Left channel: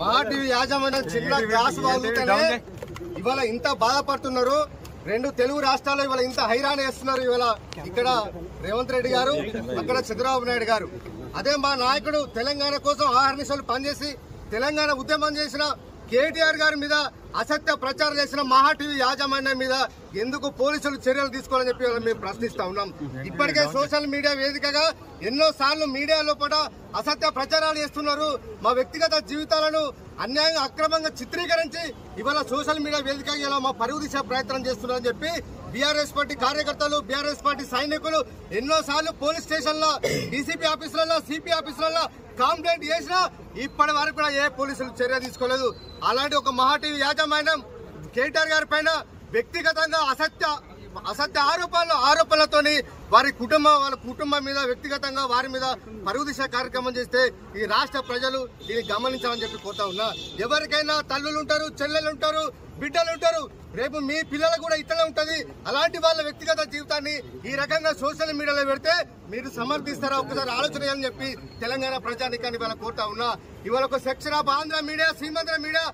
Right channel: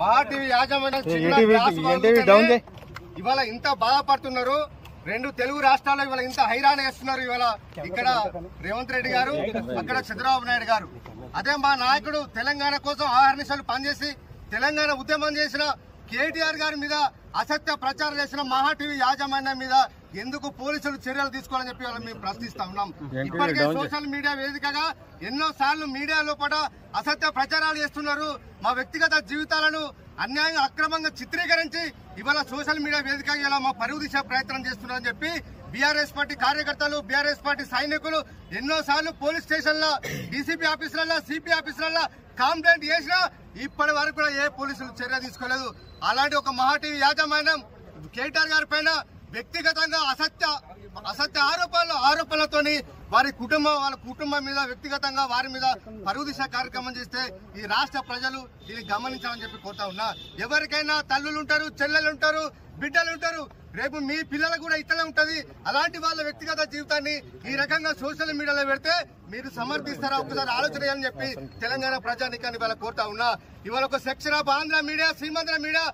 మహా టీవీ యాజమాన్యం చిన్న గ్యాస్ బాగుంటేనే ఇవాళ ఇంత బాధపడుతున్నారు. 2 తెలుగు రాష్ట్రాల్లో ఇవాళ ఇంత హైరాణ చేస్తున్నారు. ఇవాళ ఇక్కడ రేవంత్ రెడ్డి గారు, అక్కడ చంద్రబాబు నాయుడు గారు. అదే మా నాయకుడు తెలంగాణ కోసం ఆహర్నిశలు పనిచేసి తెలంగాణ ఉద్యమం చేసిన కేటీఆర్ గారి మీద అసత్య ప్రచారం చేసిన మహా టీవీ యాజమాన్యం మీద ఎందుకు పోలీసులు చర్యలు తీసుకోవాలని చెప్పి మేము ప్రశ్నిస్తా ఉన్నాం. ఇప్పటికే సోషల్ మీడియా వేదికగా ఎన్నో సార్లు మీడియా లోపల అసత్య ప్రచారాలు చేస్తున్నారు. మా వ్యక్తిగత జీవితాలను అన్యాయంగా అక్రమంగా చిత్రీకరించి ఇవాళ సోషల్ మీడియా వేదికగా ఇలా మా పరువు తీసే ప్రయత్నం చేస్తున్నారని చెప్పి బీఆర్ఎస్ పార్టీ కార్యకర్తలు, బీఆర్ఎస్ పార్టీ సైనికులు ఎన్నో సార్లు పోలీస్ స్టేషన్లో, డీసీపీ ఆఫీసులలో, సిపి ఆఫీసులలో కంప్లైంట్ చేసినా ఇప్పటి వరకు కూడా ఏ పోలీసులు చర్య తీసుకోలేదు. అలాంటి ఒక మహా టీవీ యాజమాన్యం కేటీఆర్ గారి పైన వ్యక్తిగతంగా అసత్య ఆరోపణలతోని వాళ్ళ కుటుంబం మీద వ్యక్తిగతంగా వారి మీద పరువు దిశ కార్యక్రమం చేస్తే ఈ రాష్ట్ర ప్రజలు దీన్ని గమనించాలని చెప్పి కోరుతా ఉన్నా. ఎవరికైనా తల్లులు ఉంటారు, చెల్లెలు ఉంటారు, బిడ్డలు ఉంటారు. రేపు మీ పిల్లలకు కూడా ఇట్లా ఉంటది. అలాంటి వాళ్ళ వ్యక్తిగత జీవితాన్ని ఈ రకంగా సోషల్ మీడియాలో పెడితే మీరు సమర్థిస్తారా? ఒక్కసారి ఆలోచన చేయాలని చెప్పి తెలంగాణ ప్రజానికాన్ని ఇవాళ కోరుతా ఉన్నా. ఇవాళ ఒక section of Andhra media, Seemandhra media